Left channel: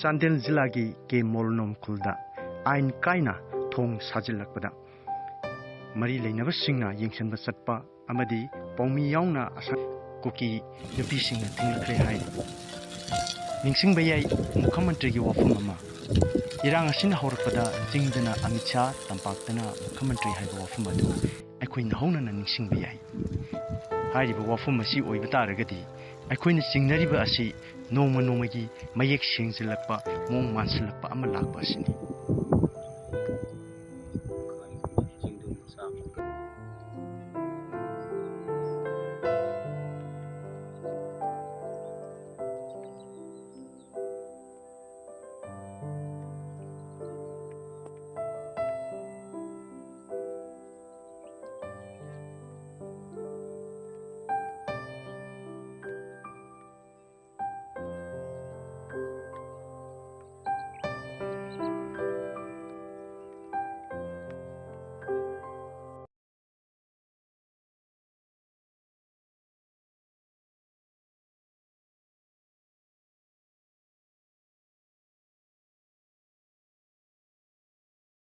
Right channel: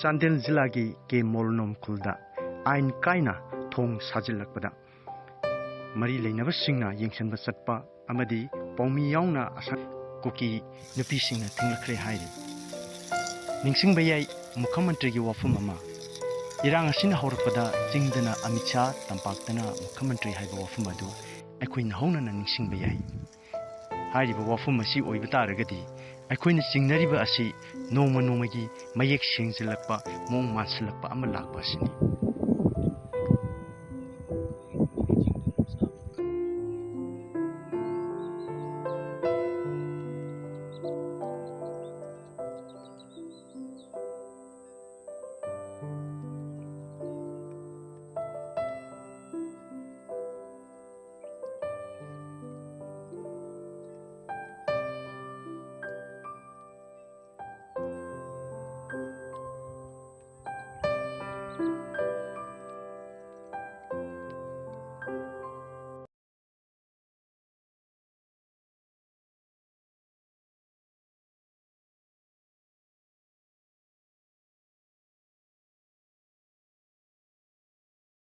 Chandel Zilagi ke Molnom Kulda, aain kaina thong sajilakpada. Mari Lainabasingna Yengsan Basatpa, Amadi, Pomi Yauna Asa kuki nupisingna thingla hai. Ningsing bayai Mukhamantri Wafumama. Irang Asin Horpada, Jingdana Amicha, Tampaktana, Mukhamantri Haiba Wafumadu, Equin Hona Ningsing bayai. Hariba Wafumasi Oibataragati, Equin Singnariba Asi, no Manomagi, Mayek Singzilakpa, Mong Mansilakpa Amalakbasini.